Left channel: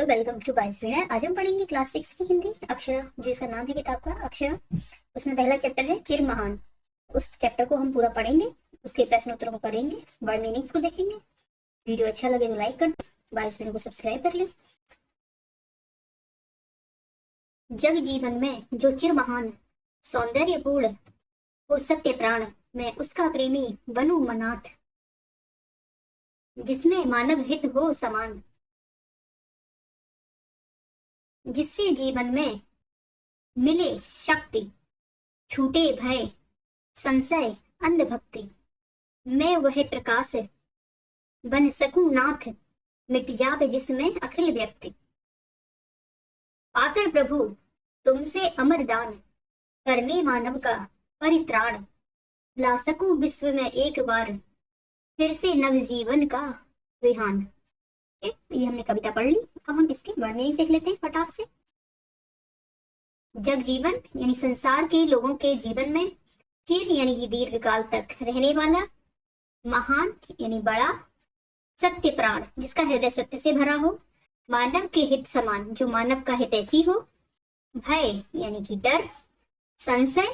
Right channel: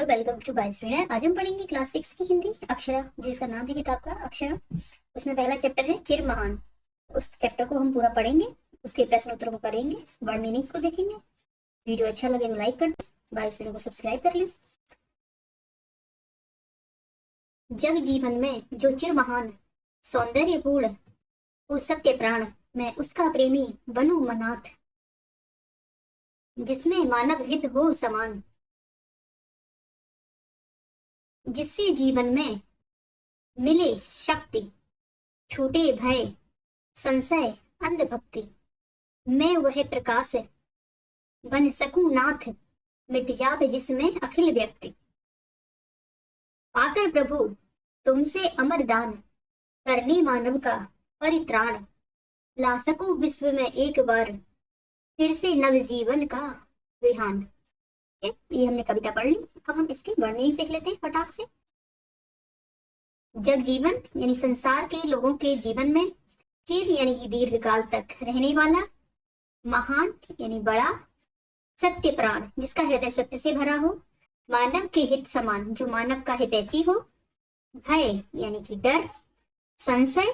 Hello, welcome to by student. आज हम पढ़ेंगे क्लास 6 की हिंदी अक्षरा, जो इसका नाम है किताब का अक्षरा। उसमें पहला चैप्टर है चिर महान। उस चैप्टर को हम पूरा पढ़ेंगे, उसके प्रश्न उत्तरों को करेंगे, वर्ड मीनिंग्स को देखेंगे। वीडियो अच्छा लगे तो लाइक कर दो, बाय स्टूडेंट को सब्सक्राइब कर लें। जग जीवन में जो चिर महान सौंदर्यपूर्ण हो सत्य प्राण, मैं उसका प्रेमी बनूं मनाथ, जिसमें मानव हित हो समान, जिससे जीवन में मिले शक्ति, छूटे भय संशय अंधभक्ति, मैं वह प्रकाश बन सकूं नाथ, मिट जावे जिसमें अखिल व्यक्ति। पाकर प्रभु तुमसे अमर दान, करने मानव का परित्राण, ला सकूं विश्व में एक बार फिर से नव जीवन का विहान। ये हमने कविता पढ़ ली। अब हम इसके वर्णन सीख लेते हैं फटाक से। जग जीवन यानी संसार के लोगों के जीवन में, चिर यानी कि दीर्घ काल तक रहने वाला, महान यानी बड़ा, सत्य प्राण जिसका हृदय सत्य से भरा हो, मानव के हित समान जो मानव का हित ऐसी हो, भय यानी कि डर, संशय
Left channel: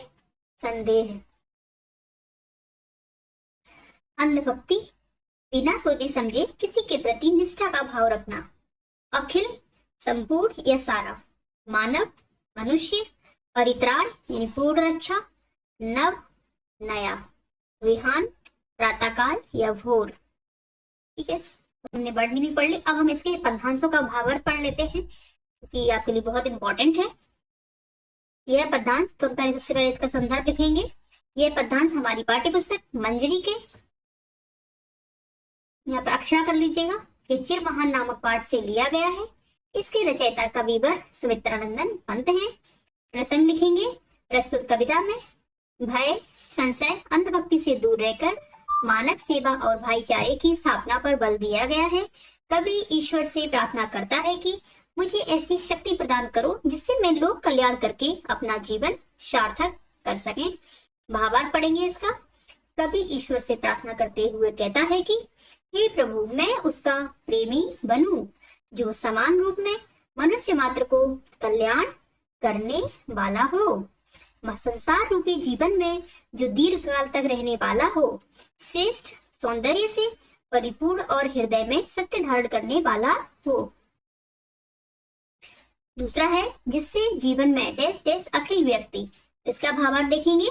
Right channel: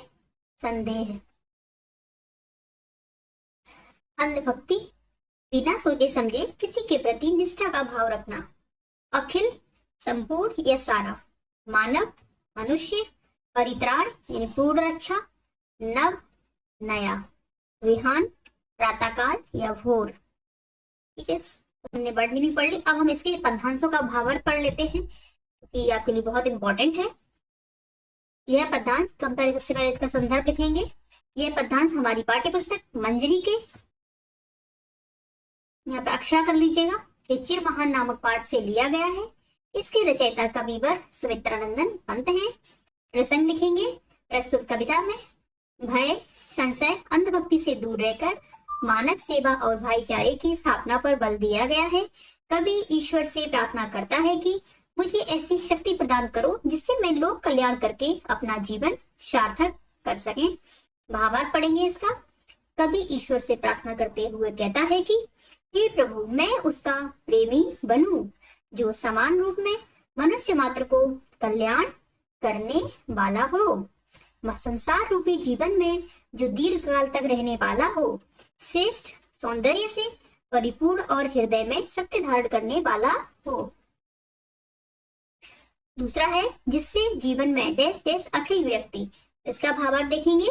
संदेह, अंधभक्ति बिना सोचे समझे किसी के प्रति निष्ठा का भाव रखना, अखिल संपूर्ण या सारा, मानव मनुष्य, परित्राण यानी पूर्ण रक्षा, नव नया, विहान प्रातःकाल या भोर। ठीक है, हमने वर्ड मीनिंग पढ़ ली। अब हम इसके पद्यांशों का भावार्थ पढ़ लेते हैं क्योंकि ये आपके लिए बहुत इंपॉर्टेंट है। यह पद्यांश, तो हम पहले सबसे पहले इसका संदर्भ लिखेंगे। यह पद्यांश हमारी पाठ्य पुस्तक मंजरी के, यहाँ पे अक्षरा कर लीजिएगा, ये चिर महान नामक पाठ से लिया गया है। इसके रचयिता कविवर सुमित्रानंदन पंत हैं। प्रसंग लिखेंगे। प्रस्तुत कविता में भय संशय अंधभक्ति से दूर रहकर मानव सेवा और भाईचारे की स्थापना पर बल दिया गया है। कवि ईश्वर से प्रार्थना करता है कि मुझे ऐसी शक्ति प्रदान करो जिससे मैं लोक कल्याण करके अपना जीवन सार्थक कर सकें। भावार्थ पढ़ेंगे इसका। कवि ईश्वर से प्रार्थना करते हुए कहता है कि हे प्रभु, मैं उसका प्रेमी बनूं जो समान रूप में मनुष्य मात्र को कल्याण करने वाला हो, संसार रूपी जीवन में जो दीर्घ काल तक रहने वाला हो, श्रेष्ठ सौंदर्य से परिपूर्ण और हृदय में सत्य धारण करने वाला हो। दूसरा है जिससे जीवन में देश देश अखिल व्यक्ति। इसका भावार्थ देखेंगे।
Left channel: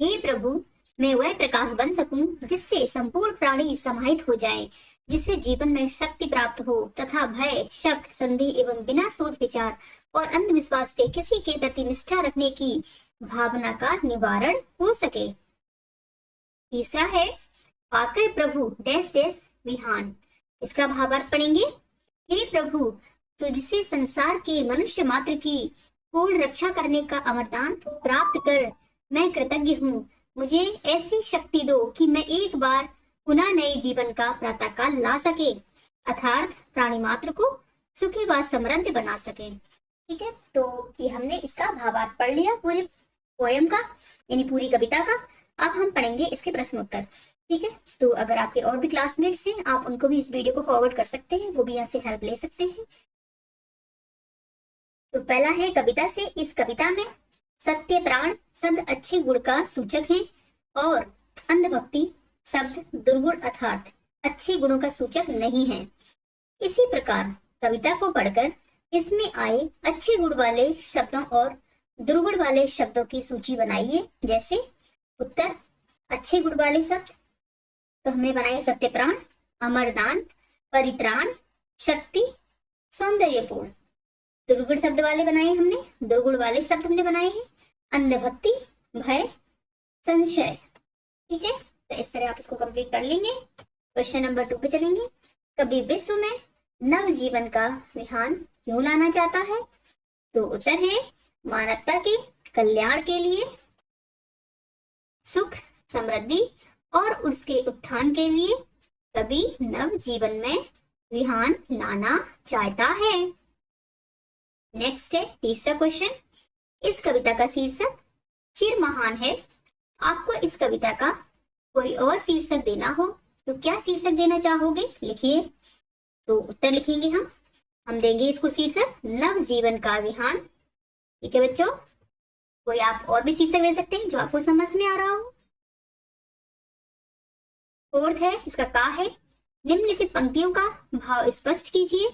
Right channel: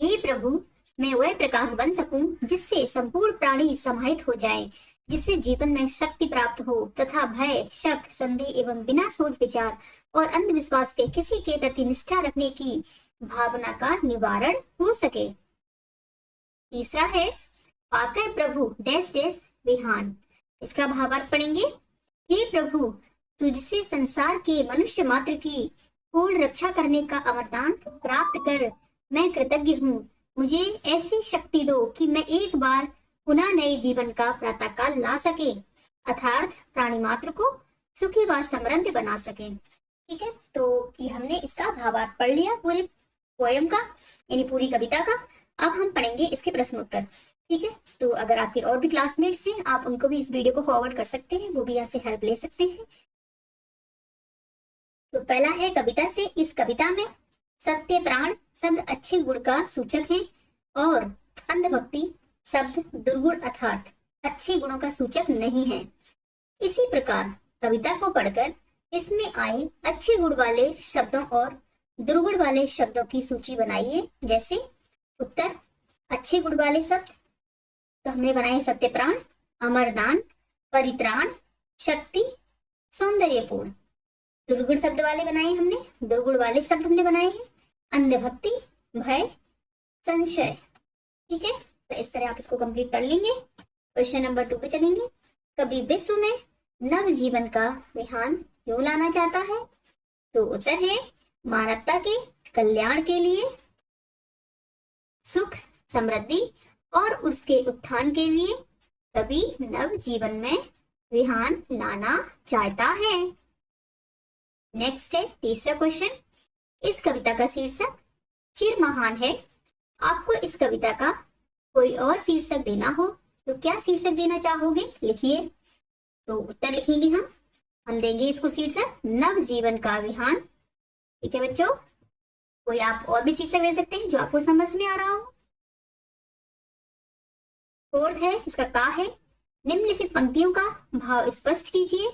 हे प्रभु, मैं वह प्रकाश बन सकूं जिससे संपूर्ण प्राणी समाहित हो जाएं, जिससे जीवन में शक्ति प्राप्त हो तथा भय शक संदेह एवं बिना सोच विचार और अंधविश्वास के किसी के प्रति निष्ठा रखने की भावना का निवारण हो सके। तीसरा है पाकर प्रभु डैश डैश विहान। इसका भावार्थ पढ़ेंगे। हे प्रभु, तुझसे संसार के मनुष्य मात्र की पूर्ण रक्षा करने का अमरदान प्राप्त कर मैं कृतज्ञ हूँ। मुझे ऐसी शक्ति दो कि मैं एक बार पुनः नए जीवन का प्रातःकाल ला सके, अर्थात प्राणी मात्र को सुखी व समृद्ध बना सके। ठीक है, तो ये हमने इसका भावार्थ पढ़ लिया पूरे पोएम का यानी पूरी कविता का। अब हम पढ़ेंगे इसके प्रश्न उत्तर। ठीक है, तो अगर आपके और भी क्लासमेट्स हैं आप उनको भी इस वीडियो को फॉरवर्ड कर सकते हैं, वो भी यहाँ से हेल्प ले सकते हैं। तो पहला है कविता से। इस कविता में सत्य प्राण शब्द अच्छे गुण का सूचक है और अंधभक्ति शब्द दुर्गुण अर्थात अच्छे गुणों का सूचक नहीं है। इसी प्रकार कविता को पढ़कर इसमें आए अच्छे गुण वाले शब्दों और दुर्गुण वाले शब्दों की सूची बनाइए। जैसे उत्तर अच्छे गुण वाले शब्द तो हमने बनाए सत्य प्राण, अमरदान, परित्राण, शक्ति, सौंदर्यपूर्ण। दुर्गुण शब्द वाले बनाए हमने, दुर्गुण वाले शब्द हमने बनाए हैं अंधभक्ति, भय, संशय। ठीक है, तो इस तरह आप इसको कंप्लीट कर लेंगे। क्वेश्चन नंबर 2 पे चलेंगे। कभी विश्व में नव जीवन का विहान क्यों लाना चाहता है? तो उत्तर है मानवता के कल्याण के लिए, सुख समृद्धि और उसके उत्थान के लिए कभी नव जीवन में विहान लाना चाहता है। नेक्स्ट है तीसरा क्वेश्चन। इस कविता का शीर्षक चिर महान है। आपको इस कविता का कोई और शीर्षक देना हो तो क्या शीर्षक देना चाहोगे? लिखिए। तो उत्तर लिखेंगे हम हम देंगे इसको शीर्षक नव जीवन का विहान। ठीक है बच्चों, कोई आप और भी शीर्षक दे सकते हैं जो आपको समझ में आ रहा हो। फोर्थ है, इसका का है, निम्नलिखित पंक्तियों का भाव स्पष्ट कीजिए।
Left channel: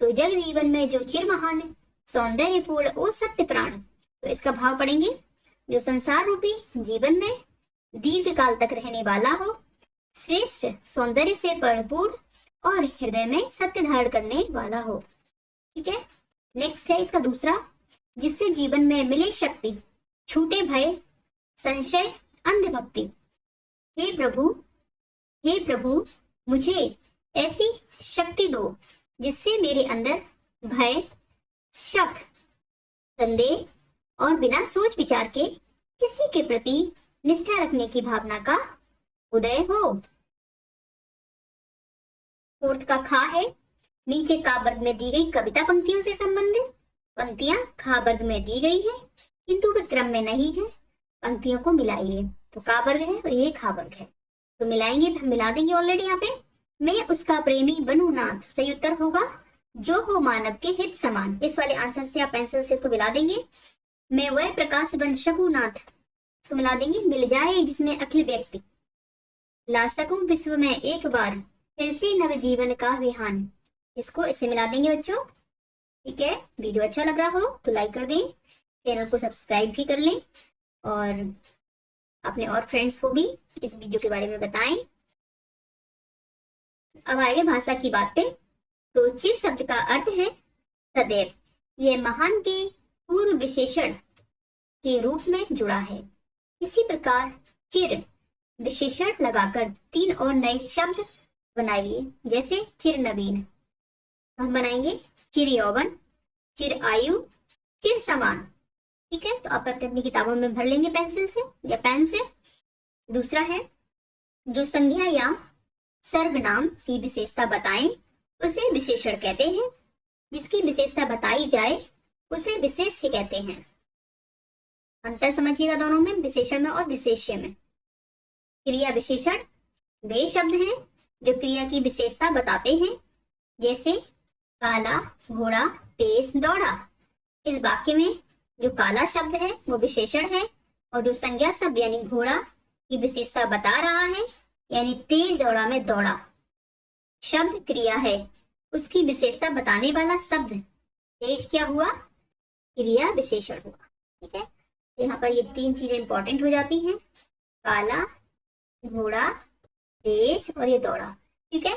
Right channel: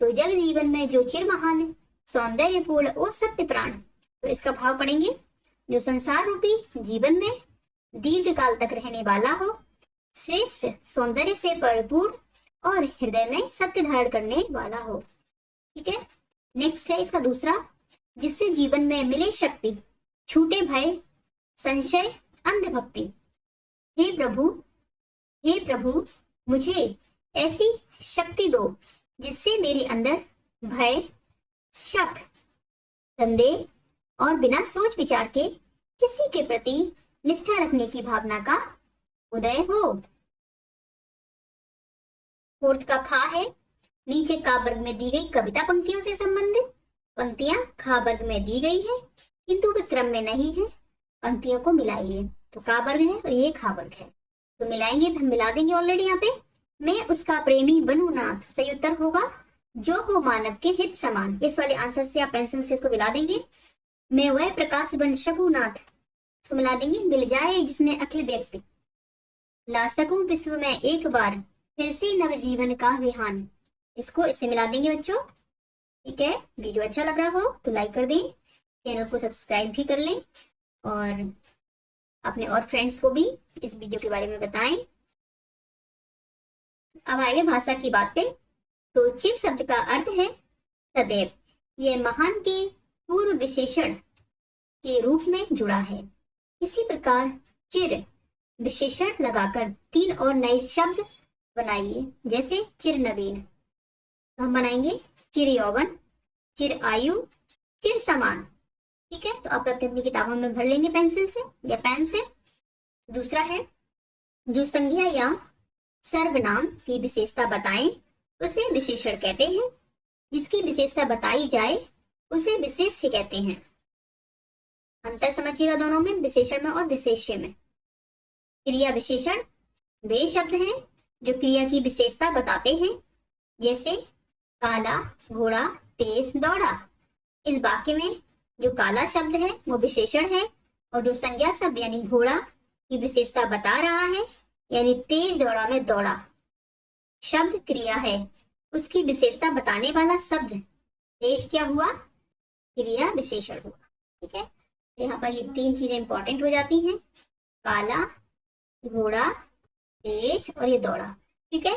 तो जग जीवन में जो चिर महान सौंदर्यपूर्ण ओ सत्य प्राण, तो इसका भाव पढ़ेंगे, जो संसार रूपी जीवन में दीर्घ काल तक रहने वाला हो, श्रेष्ठ सौंदर्य से परिपूर्ण और हृदय में सत्य धारण करने वाला हो। ठीक है, नेक्स्ट है इसका दूसरा, जिससे जीवन में मिले शक्ति, छूटे भय संशय अंधभक्ति। हे प्रभु मुझे ऐसी शक्ति दो जिससे मेरे अंदर भय, शक, संदेह और बिना सोच विचार के किसी के प्रति निष्ठा रखने की भावना का उदय हो। फोर्थ का खा है, नीचे का वर्ग में दी गई कविता पंक्तियों से संबंधित पंक्तियां खा वर्ग में दी गई है किंतु वे क्रम में नहीं है, पंक्तियों को मिलाइए। तो का वर्ग है और ये खा वर्ग है, तो मिलाएंगे, हम मिला देंगे ऑलरेडी यहाँ पे। मैं उसका प्रेमी बनूं नाथ, सही उत्तर होगा जो हो मानव के हित समान। इस वाले आंसर से या पेंसिल से इसको मिला देंगे। मैं वह प्रकाश बन सकूं नाथ, इसको मिला देंगे, मिल जाए जिसमें अखिल व्यक्ति ला सकूं विश्व में एक बार फिर से नव जीवन का विहान, इसको इससे मिला देंगे बच्चों। ठीक है, वीडियो अच्छा लग रहा हो तो लाइक कर दें, चैनल को सब्सक्राइब भी कर लें और अपने और फ्रेंड्स को भी इस वीडियो के बारे में बताएं। अब आएगा भाषा की बात पे। तो चिर शब्द का अर्थ है सदैव, यह महान के पूर्व विशेषण के रूप में जुड़ा है। इसी प्रकार चिर विशेषण लगाकर 3 और नए शब्द बनाइए, जैसे चिर नवीन, तो हम बनाएंगे चिर यौवन, चिर आयु, चिर समान। ठीक है, तो आप अपनी अपनी किताबों में भर लेंगे पेंसिल से या पेन से। दूसरा है, जो संज्ञा या सर्वनाम की विशेषता बताएं उसे विशेषण कहते हैं, जिसकी विशेषता बताई जाए उसे विशेष्य कहते हैं। अंतर समझिएगा दोनों में, विशेषण में और विशेष्य में। क्रिया विशेषण वे शब्द हैं जो क्रिया की विशेषता बताते हैं, जैसे काला घोड़ा तेज दौड़ा। इस वाक्य में जो काला शब्द है वो विशेषण है और जो संज्ञा शब्द यानी घोड़ा की विशेषता बता रहा है, यानी तेज दौड़ा में दौड़ा शब्द क्रिया है, उसकी विशेषता बताने वाला शब्द तेज क्या हुआ, क्रिया विशेषण हुआ। ठीक है, यहाँ पर ये 3 चीजें इंपॉर्टेंट हो जाती हैं, काला, घोड़ा, तेज और ये दौड़ा। ठीक है,